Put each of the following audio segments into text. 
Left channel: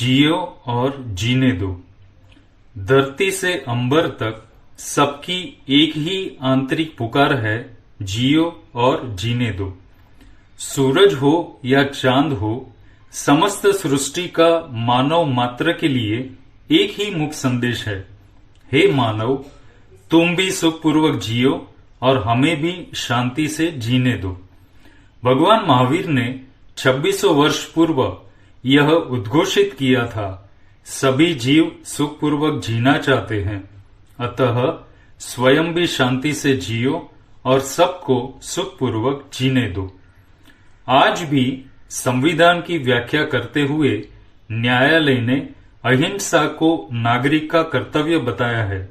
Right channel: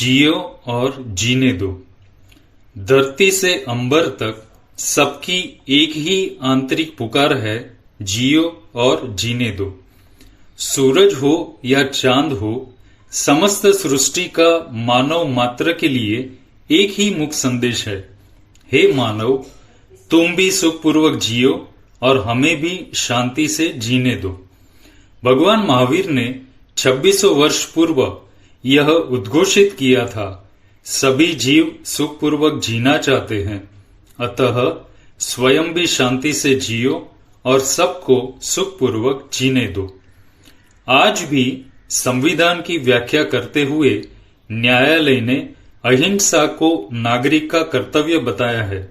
जियो और जीने दो। धरती से अंबर तक सबकी एक ही आंतरिक पुकार है, जियो और जीने दो। सूरज हो या चांद हो, समस्त सृष्टि का मानव मात्र के लिए एक ही मुख्य संदेश है, हे मानव, तुम भी सुखपूर्वक जियो और हमें भी शांति से जीने दो। भगवान महावीर ने 2600 वर्ष पूर्व यह उद्घोषित किया था, सभी जीव सुखपूर्वक जीना चाहते हैं, अतः स्वयं भी शांति से जियो और सबको सुखपूर्वक जीने दो। आज भी संविधान की व्याख्या करते हुए न्यायालय ने अहिंसा को नागरिक का कर्तव्य बताया है।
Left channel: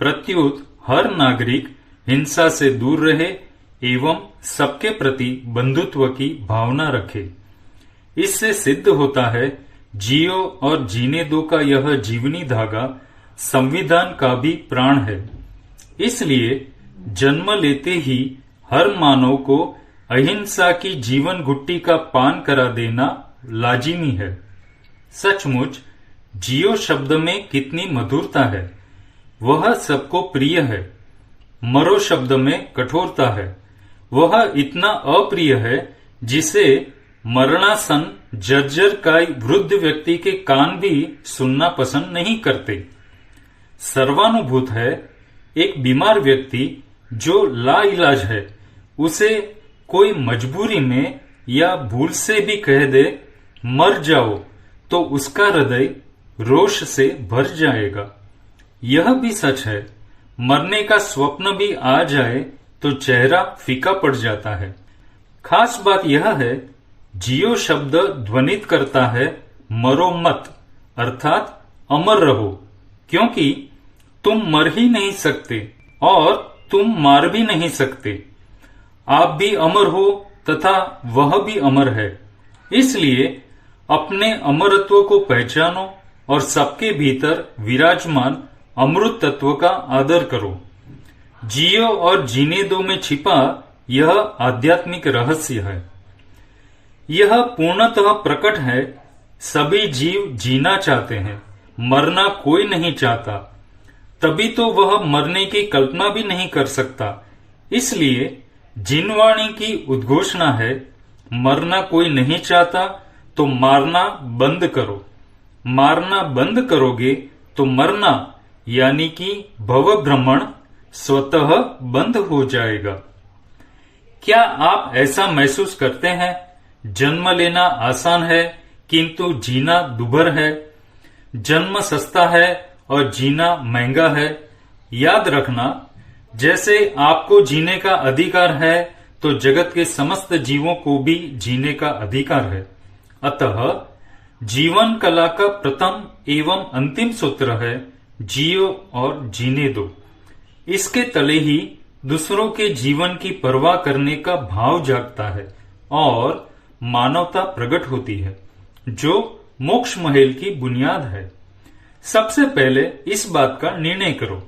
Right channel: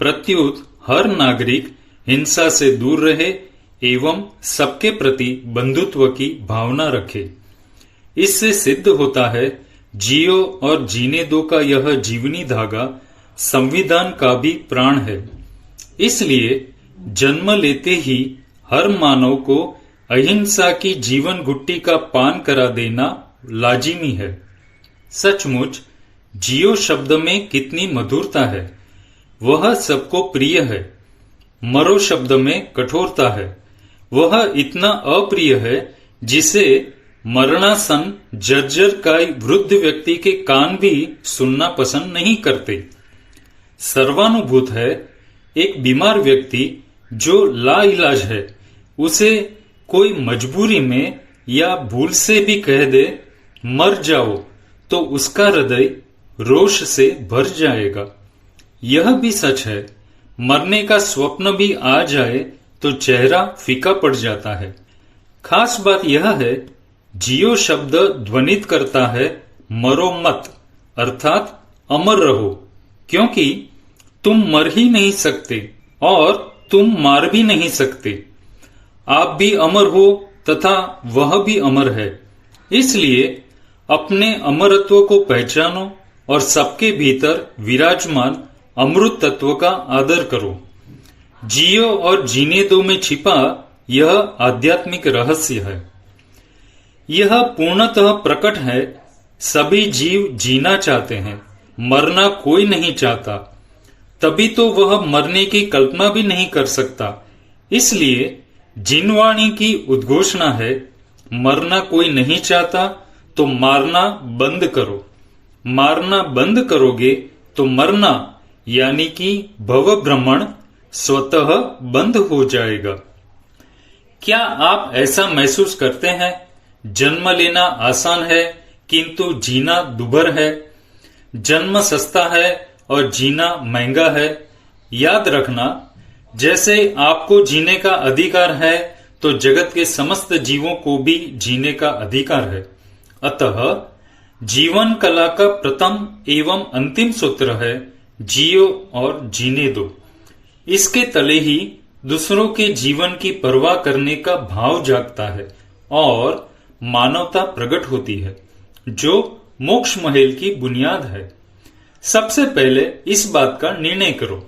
प्रत्युत हर नागरिक हिंसा से दूर रहे एवं सबके प्रति बंधुत्व की भावना रखे। इससे सिद्ध होता है जियो और जीने दो का यह जीवनी धागा संविधान का भी प्राण है। इसलिए जन्म लेते ही हर मानव को अहिंसा की जीवन गुट्टी का पान करा देना लाजिमी है। सचमुच जियो शब्द में कितनी मधुरता है, वह सबको प्रिय है। मरो शब्द में कठोरता है, वह इतना अप्रिय है जिसे मरणासन जर्जर काय वृद्ध व्यक्ति के कान भी सुनना पसंद नहीं करते। सर्वानुभूत है एक बीमार व्यक्ति जो लाइलाज है, उसे कोई मजबूरी में या भूल से भी कह दे मर जाओ तो उसका हृदय रोष से भर जाएगा। यह भी सच है, मरने का स्वप्न भी आ जाए तो चेहरा फीका पड़ जाता है। खास बात यह है, जियो शब्द ध्वनित करता है मरो मत, अर्थात अमर रहो, क्योंकि तुम मर ही नहीं सकते और तुम मार भी नहीं सकते। आप भी अमर हो तथा वह भी अमर है। इसलिए अपने अमरत्व को पहचानो और सबके भीतर विराजमान अमृत तत्व का आदर करो। जियो और जीने दो में छिपा यह आध्यात्मिक रहस्य है। यह पूर्णतः प्रकट है, सभी जीव जीना चाहते हैं, मरना कोई नहीं चाहता, तभी तो वह मरने की कल्पना भी नहीं कर सकता। इसलिए जिनवाणी की उद्घोषणा है, मरना कोई नहीं चाहता तो मारना बंद करो। मारना बंद करोगे तो मरना यानी कि भव भ्रमण स्वतः बंद हो जाएगा। क्या आप ऐसा महसूस करते हैं, जन्म लेना आसान है किंतु जीना दुभर है, जन्म सस्ता है और जीना महंगा है? याद रखना, जैसे आपको जीने का अधिकार है तो जगत के समस्त जीवों को भी जीने का अधिकार है। अतः जीवन कला का प्रथम एवं अंतिम सूत्र है जियो और जीने दो। इसके तले ही दूसरों के जीवन की परवाह करने का भाव जागता है और मानवता प्रकट होती है, जो मोक्ष महल की बुनियाद है। सबसे पहले इस बात का निर्णय करो,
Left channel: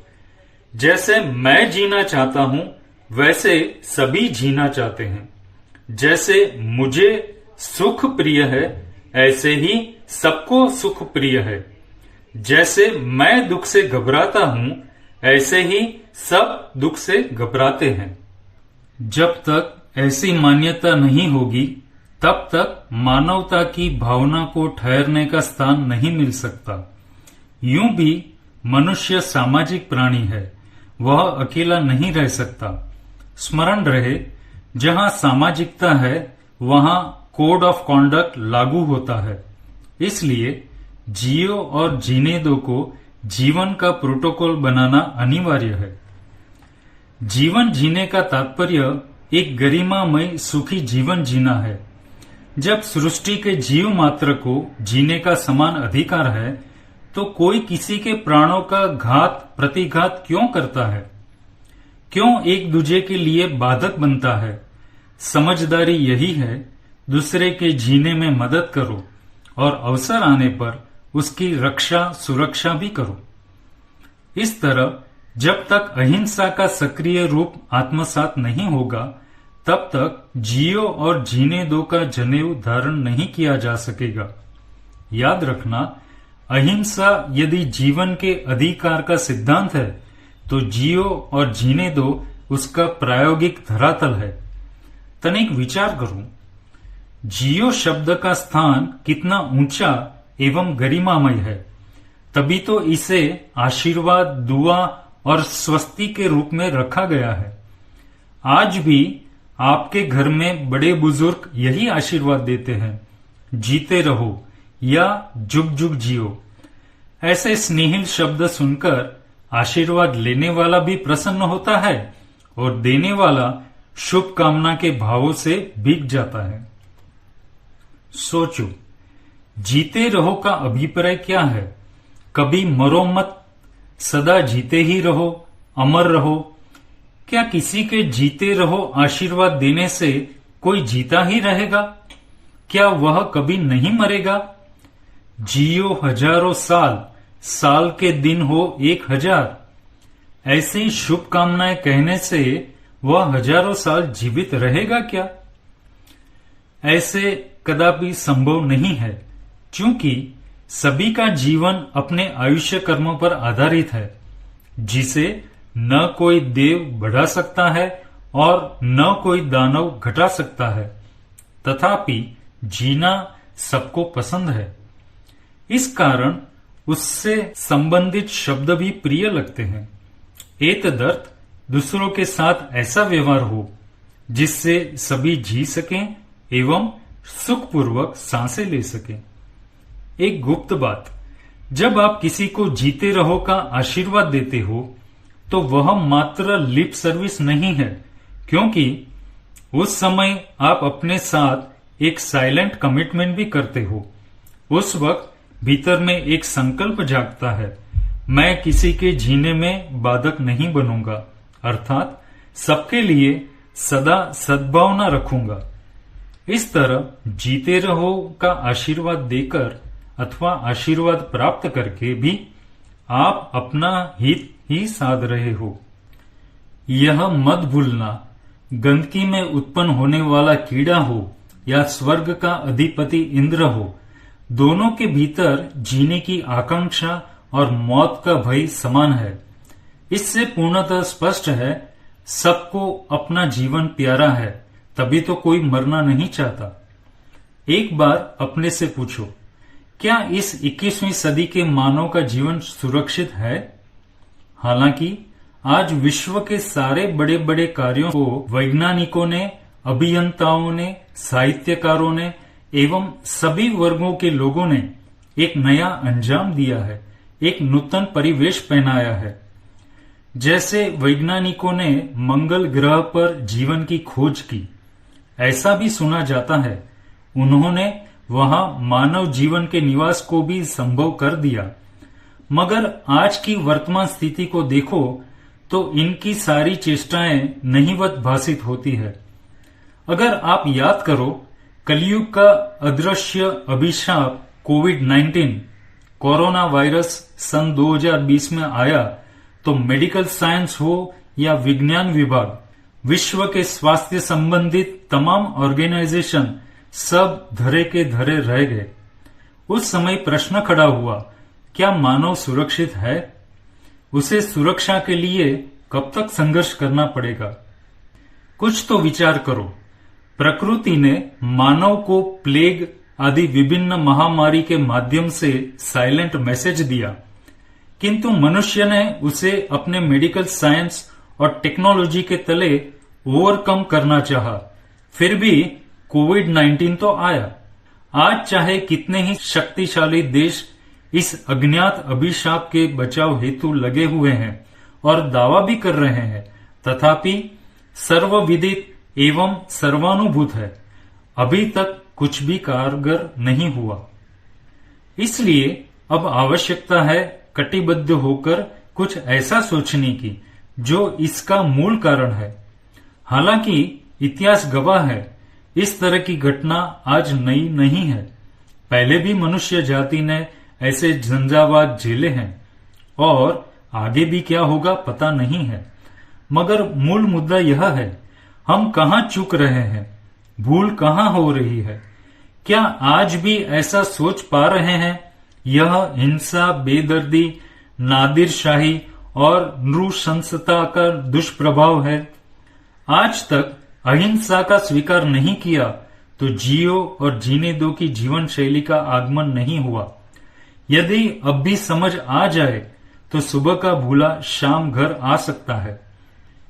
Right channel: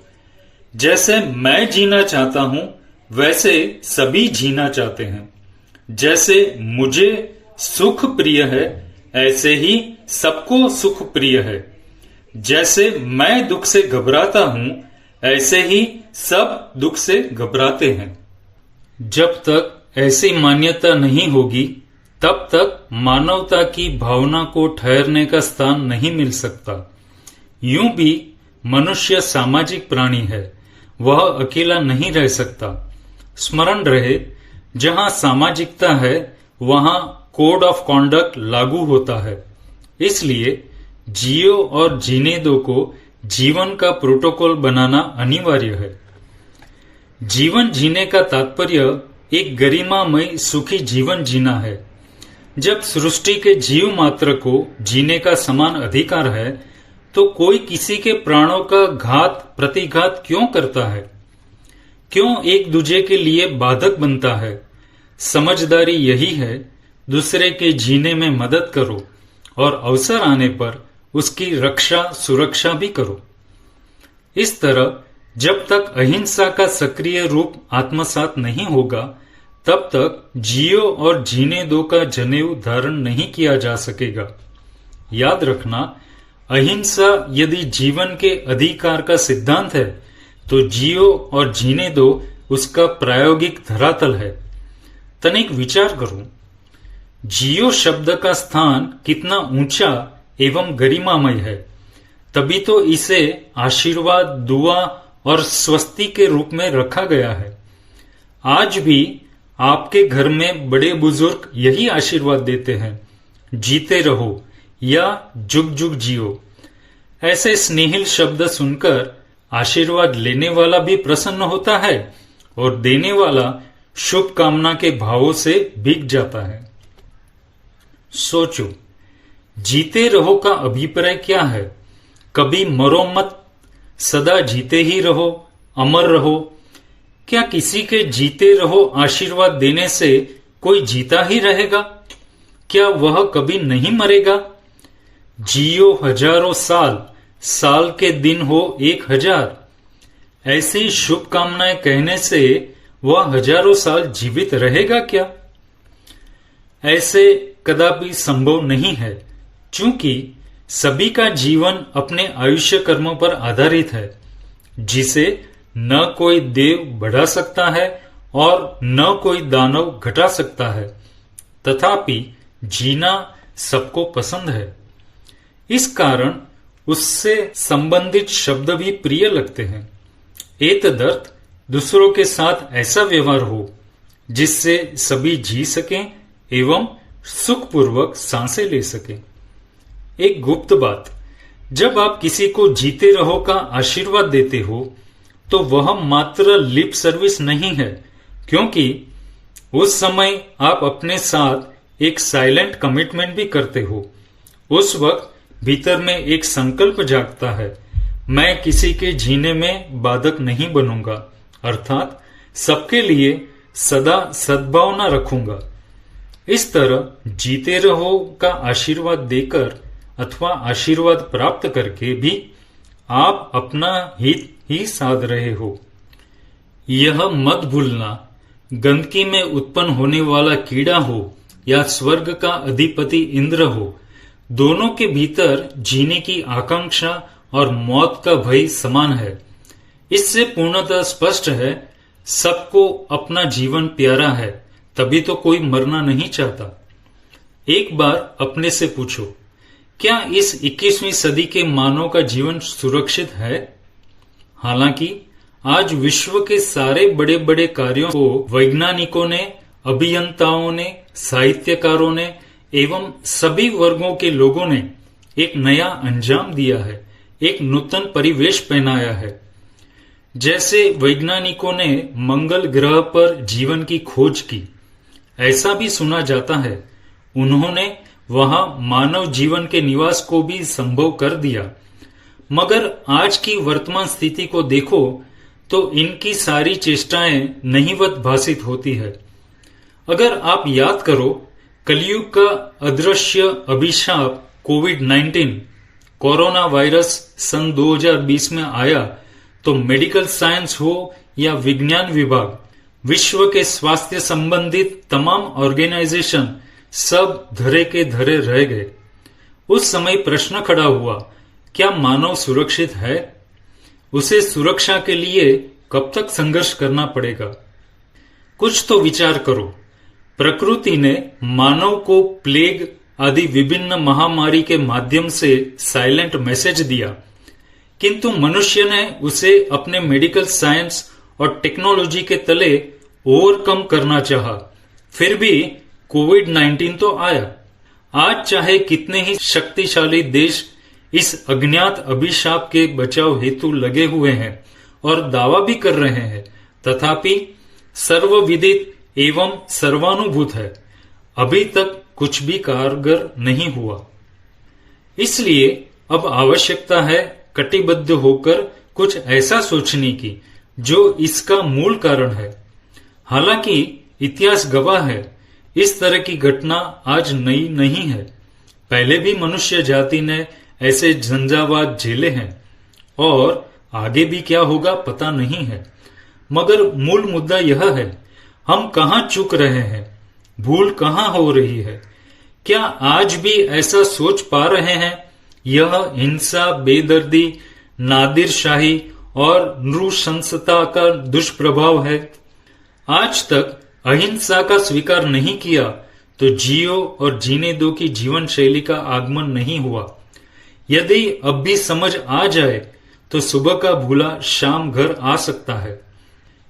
जैसे मैं जीना चाहता हूं वैसे सभी जीना चाहते हैं। जैसे मुझे सुख प्रिय है ऐसे ही सबको सुख प्रिय है। जैसे मैं दुख से घबराता हूं ऐसे ही सब दुख से घबराते हैं। जब तक ऐसी मान्यता नहीं होगी तब तक मानवता की भावना को ठहरने का स्थान नहीं मिल सकता। यूं भी मनुष्य सामाजिक प्राणी है, वह अकेला नहीं रह सकता। स्मरण रहे, जहां सामाजिकता है वहां कोड ऑफ कॉन्डक्ट लागू होता है। इसलिए जियो और जीने दो को जीवन का प्रोटोकॉल बनाना अनिवार्य है। जीवन जीने का तात्पर्य एक गरिमामय सुखी जीवन जीना है। जब सृष्टि के जीव मात्र को जीने का समान अधिकार है तो कोई किसी के प्राणों का घात प्रतिघात क्यों करता है? क्यों एक दूसरे के लिए बाधक बनता है? समझदारी यही है, दूसरे के जीने में मदद करो और अवसर आने पर उसकी रक्षा सुरक्षा भी करो। इस तरह जब तक अहिंसा का सक्रिय रूप आत्मसात नहीं होगा तब तक जियो और जीने दो का जनेऊ धारण नहीं किया जा सकेगा। याद रखना, अहिंसा यदि जीवन के अधिकार का सिद्धांत है तो जियो और जीने दो उसका प्रायोगिक धरातल है। तनिक विचार करो, जियो शब्द का स्थान कितना ऊंचा एवं गरिमामय है, तभी तो इसे आशीर्वाद, दुआ और स्वस्ति के रूप में रखा गया है। आज भी आपके घर में बड़े बुजुर्ग यही आशीर्वाद देते हैं, जीते रहो या जुग जुग जियो। ऐसे स्नेहिल शब्द सुनकर आशीर्वाद लेने वाला भी प्रसन्न होता है और देने वाला शुभ कामना के भावों से भीग जाता है। सोचो, जीते रहो का अभिप्राय क्या है? कभी मरो मत, सदा जीते ही रहो, अमर रहो। क्या किसी के जीते रहो आशीर्वाद देने से कोई जीता ही रहेगा? क्या वह कभी नहीं मरेगा? जियो हजारों साल, साल के दिन हो 1000। ऐसी शुभकामनाएं कहने से वह हजारों साल जीवित रहेगा क्या? ऐसे कदापि संभव नहीं है, क्योंकि सभी का जीवन अपने आयुष्य कर्म पर आधारित है, जिसे न कोई देव बढ़ा सकता है और न कोई दानव घटा सकता है। तथापि जीना सबको पसंद है, इस कारण उससे संबंधित शब्द भी प्रिय लगते हैं। एतदर्थ दूसरों के साथ ऐसा व्यवहार हो जिससे सभी जी सकें एवं सुखपूर्वक सांसें ले सकें। एक गुप्त बात, जब आप किसी को जीते रहो का आशीर्वाद देते हो तो वह मात्र लिप सर्विस नहीं है, क्योंकि उस समय आप अपने साथ एक साइलेंट कमिटमेंट भी करते हो। उस वक्त भीतर में एक संकल्प जागता है, मैं किसी के जीने में बाधक नहीं बनूंगा, अर्थात सबके लिए सदा सद्भावना रखूंगा। इस तरह जीते रहो का आशीर्वाद देकर अथवा आशीर्वाद प्राप्त करके भी आप अपना हित ही साध रहे हो। यह मत भूलना, गंदगी में उत्पन्न होने वाला कीड़ा हो या स्वर्ग का अधिपति इंद्र हो, दोनों के भीतर जीने की आकांक्षा और मौत का भय समान है। इससे पूर्णतः स्पष्ट है, सबको अपना जीवन प्यारा है, तभी तो कोई मरना नहीं चाहता। एक बार अपने से पूछो, क्या इस 21वीं सदी के मानव का जीवन सुरक्षित है? हालांकि आज विश्व के सारे बड़े बड़े कार्यों को वैज्ञानिकों ने, अभियंताओं ने, साहित्यकारों ने एवं सभी वर्गों के लोगों ने एक नया अंजाम दिया है, एक नूतन परिवेश पहनाया है। जैसे वैज्ञानिकों ने मंगल ग्रह पर जीवन की खोज की, ऐसा भी सुना जाता है उन्होंने वहां मानव जीवन के निवास को भी संभव कर दिया। मगर आज की वर्तमान स्थिति को देखो तो इनकी सारी चेष्टाएं नहीवत भासित होती है। अगर आप याद करो, कलयुग का अदृश्य अभिशाप कोविड-19 कोरोना वायरस सन 2020 में आया तो मेडिकल साइंस हो या विज्ञान विभाग, विश्व के स्वास्थ्य संबंधित तमाम ऑर्गेनाइजेशन सब धरे के धरे रह गए। उस समय प्रश्न खड़ा हुआ, क्या मानव सुरक्षित है? उसे सुरक्षा के लिए कब तक संघर्ष करना पड़ेगा? कुछ तो विचार करो। प्रकृति ने मानव को प्लेग आदि विभिन्न महामारी के माध्यम से साइलेंट मैसेज दिया, किंतु मनुष्य ने उसे अपने मेडिकल साइंस और टेक्नोलॉजी के तले ओवरकम करना चाहा। फिर भी कोविड-19 तो आया। आज चाहे कितने ही शक्तिशाली देश इस अज्ञात अभिशाप के बचाव हेतु लगे हुए हैं और दावा भी कर रहे हैं, तथापि सर्वविदित एवं सर्वानुभूत है, अभी तक कुछ भी कारगर नहीं हुआ। इसलिए अब आवश्यकता है कटिबद्ध होकर कुछ ऐसा सोचने की जो इसका मूल कारण है। हालांकि इतिहास गवाह है, इस तरह की घटना आज नई नहीं है। पहले भी मनुष्य जाति ने ऐसे झंझावात झेले हैं और आगे भी क्या होगा पता नहीं है। मगर मूल मुद्दा यह है, हम कहां चूक रहे हैं, भूल कहां हो रही है। क्या आज भी ऐसा सोच पा रहे हैं? यह हिंसा, बेदर्दी, नादिरशाही और नृशंसता का दुष्प्रभाव है। आज तक अहिंसा का स्वीकार नहीं किया तो जियो और जीने दो की जीवन शैली का आगमन नहीं हुआ। यदि अब भी समझ आ जाए तो सुबह का भूला शाम घर आ सकता है।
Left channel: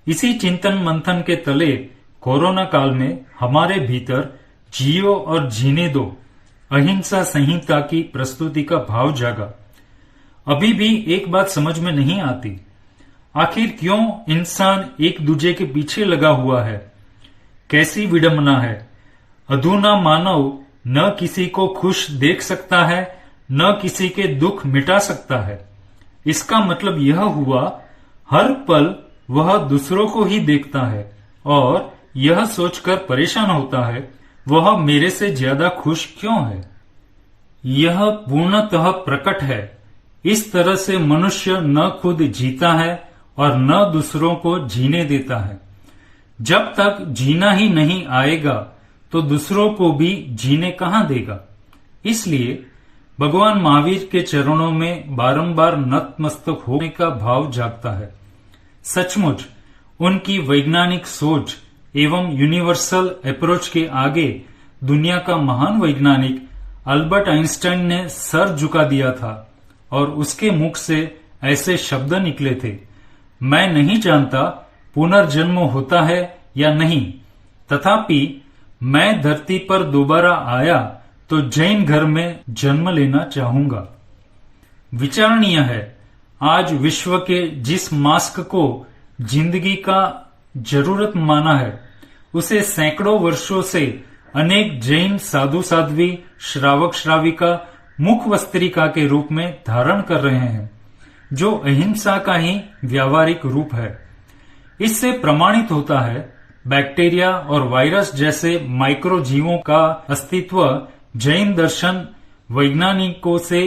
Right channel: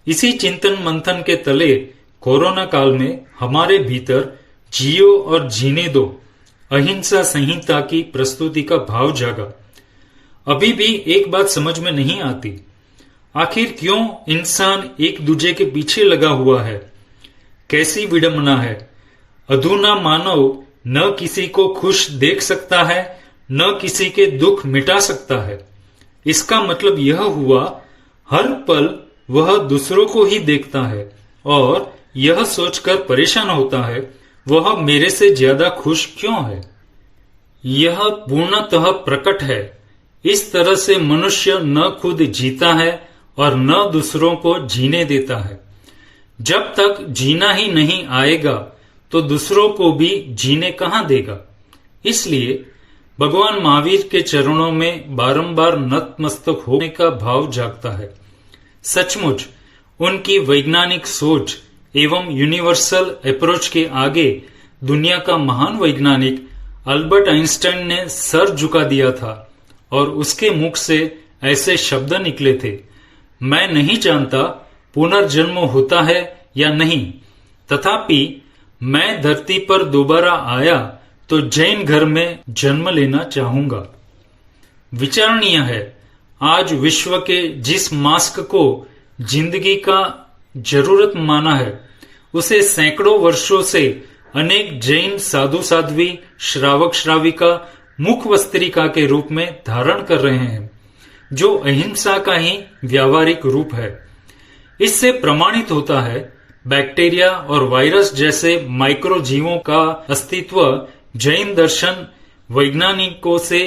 इसी चिंतन मंथन के तले कोरोना काल में हमारे भीतर जियो और जीने दो अहिंसा संहिता की प्रस्तुति का भाव जागा। अभी भी एक बात समझ में नहीं आती, आखिर क्यों इंसान एक दूजे के पीछे लगा हुआ है? कैसी विडंबना है। अधूना मानव न किसी को खुश देख सकता है, न किसी के दुख मिटा सकता है। इसका मतलब यह हुआ, हर पल वह दूसरों को ही देखता है और यह सोचकर परेशान होता है, वह मेरे से ज्यादा खुश क्यों है। यह पूर्णतः प्रकट है। इस तरह से मनुष्य न खुद जीता है और न दूसरों को जीने देता है। जब तक जीना ही नहीं आएगा तो दूसरों को भी जीने कहां देगा। इसलिए भगवान महावीर के चरणों में बारंबार नतमस्तक होने का भाव जागता है। सचमुच उनकी वैज्ञानिक सोच एवं यूनिवर्सल अप्रोच के आगे दुनिया का महान वैज्ञानिक अल्बर्ट आइंस्टाइन ने सर झुका दिया था और उसके मुख से ऐसे शब्द निकले थे, मैं नहीं जानता पुनर्जन्म होता है या नहीं, तथापि मैं धरती पर दोबारा आया तो जैन घर में जन्म लेना चाहूंगा। विचारणीय है, आज विश्व के जिस मास्क को जिंदगी का जरूरत माना है, उसे सैकड़ों वर्षों से अनेक जैन साधु साध्वी, श्रावक श्राविका मुख वस्त्रिका के रूप में धारण कर रहे हैं, जो अहिंसा का ही व्यावहारिक रूप है। इससे प्रमाणित होता है बैक्टीरिया और वायरस जैसे माइक्रो जीवों का अस्तित्व जैन दर्शन वैज्ञानिकों से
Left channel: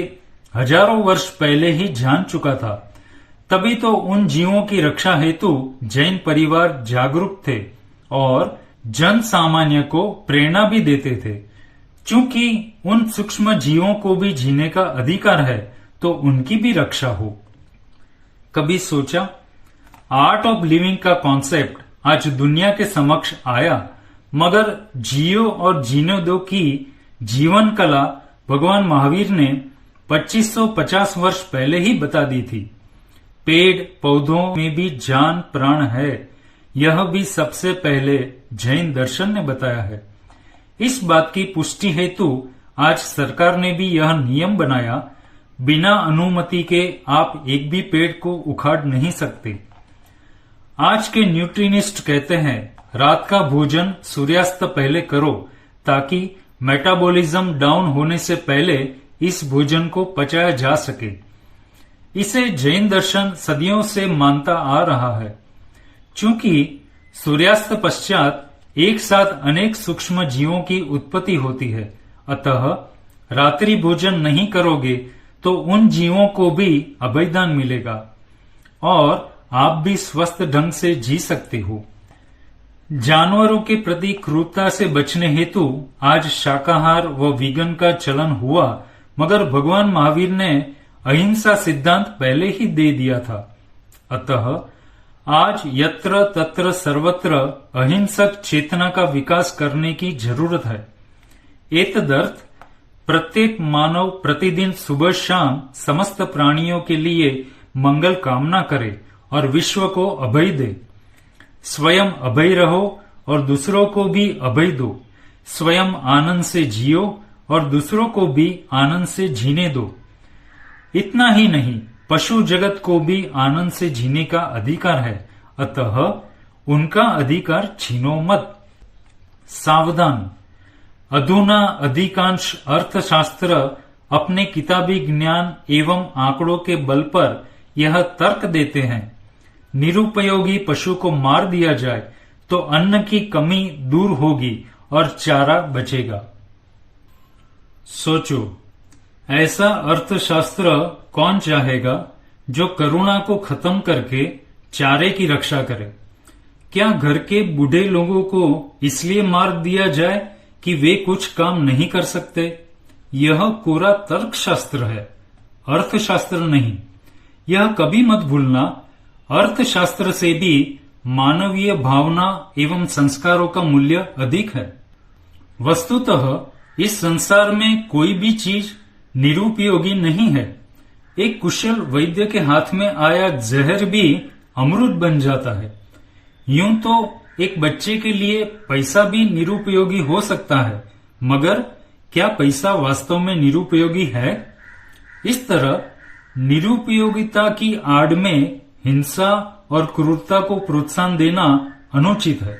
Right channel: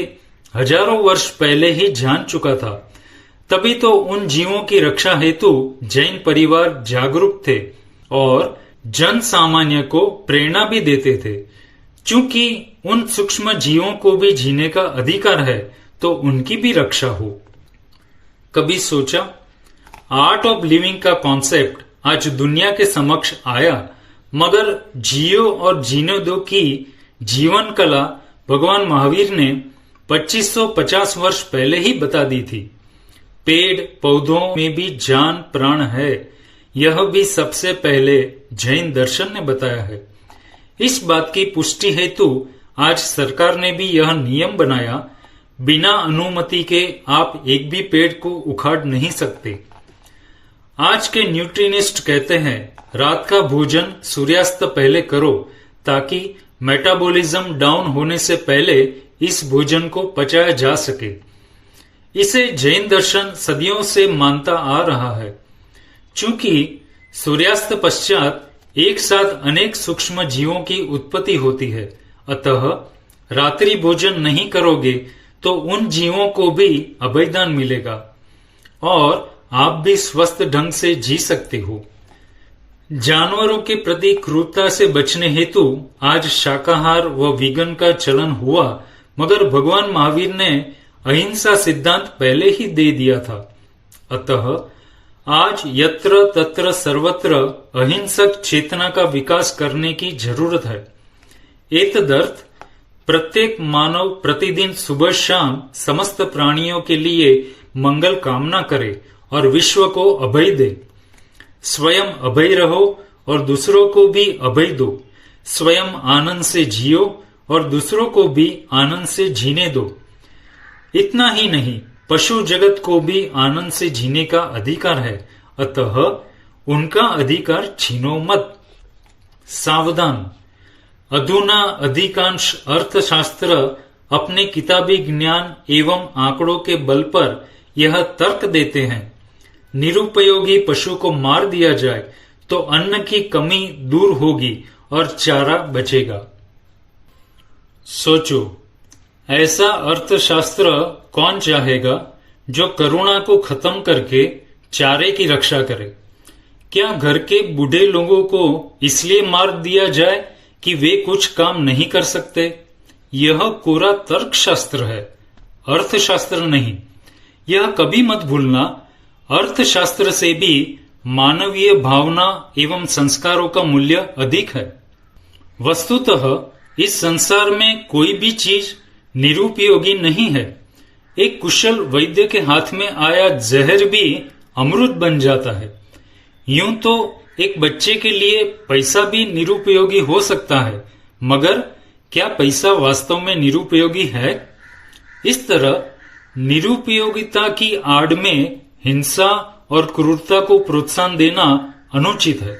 हजारों वर्ष पहले ही जान चुका था। तभी तो उन जीवों की रक्षा हेतु जैन परिवार जागरूक थे और जन सामान्य को प्रेरणा भी देते थे। चूंकि उन सूक्ष्म जीवों को भी जीने का अधिकार है तो उनकी भी रक्षा हो। कभी सोचा, आर्ट ऑफ लिविंग का कॉन्सेप्ट आज दुनिया के समक्ष आया, मगर जियो और जीने दो की जीवन कला भगवान महावीर ने 2550 वर्ष पहले ही बता दी थी। पेड़ पौधों में भी जान प्राण है, यह भी सबसे पहले जैन दर्शन ने बताया है। इस बात की पुष्टि हेतु आज सरकार ने भी यह नियम बनाया, बिना अनुमति के आप एक भी पेड़ को उखाड़ नहीं सकते। आज के न्यूट्रिनिस्ट कहते हैं, रात का भोजन सूर्यास्त पहले करो ताकि मेटाबॉलिज्म डाउन होने से पहले इस भोजन को पचाया जा सके। इसे जैन दर्शन सदियों से मानता आ रहा है। चूंकि सूर्यास्त पश्चात एक साथ अनेक सूक्ष्म जीवों की उत्पत्ति होती है, अतः रात्रि भोजन नहीं करोगे तो उन जीवों को भी अभयदान मिलेगा और आप भी स्वस्थ ढंग से जी सकते हो। जानवरों के प्रति क्रूरता से बचने हेतु आज शाकाहार व वीगन का चलन हुआ, मगर भगवान महावीर ने अहिंसा सिद्धांत पहले ही दे दिया था। अतः आज यत्र तत्र सर्वत्र अहिंसक चेतना का विकास करने की जरूरत है। एतदर्थ प्रत्येक मानव प्रतिदिन सुबह शाम समस्त प्राणियों के लिए मंगल कामना करे और विश्व को अभय दे। स्वयं अभय रहो और दूसरों को भी अभय दो। स्वयं आनंद से जियो और दूसरों को भी आनंद से जीने दो। इतना ही नहीं, पशु जगत को भी आनंद से जीने का अधिकार है, अतः उनका अधिकार छीनो मत। सावधान, अधुना अधिकांश अर्थशास्त्र अपने किताबी ज्ञान एवं आंकड़ों के बल पर यह तर्क देते हैं, निरुपयोगी पशु को मार दिया जाए तो अन्न की कमी दूर होगी और चारा बचेगा। सोचो, ऐसा अर्थशास्त्र कौन चाहेगा जो करुणा को खत्म करके चारे की रक्षा करे? क्या घर के बूढ़े लोगों को इसलिए मार दिया जाए कि वे कुछ काम नहीं कर सकते, यह कोरा तर्कशास्त्र है, अर्थशास्त्र नहीं। यह कभी मत भूलना, अर्थशास्त्र से भी मानवीय भावना एवं संस्कारों का मूल्य अधिक है। वस्तुतः इस संसार में कोई भी चीज निरुपयोगी नहीं है। एक कुशल वैद्य के हाथ में आया जहर भी अमृत बन जाता है। यूं तो एक बच्चे के लिए पैसा भी निरुपयोगी हो सकता है, मगर क्या पैसा वास्तव में निरुपयोगी है? इस तरह निरुपयोगिता की आड़ में हिंसा और क्रूरता को प्रोत्साहन देना अनुचित है।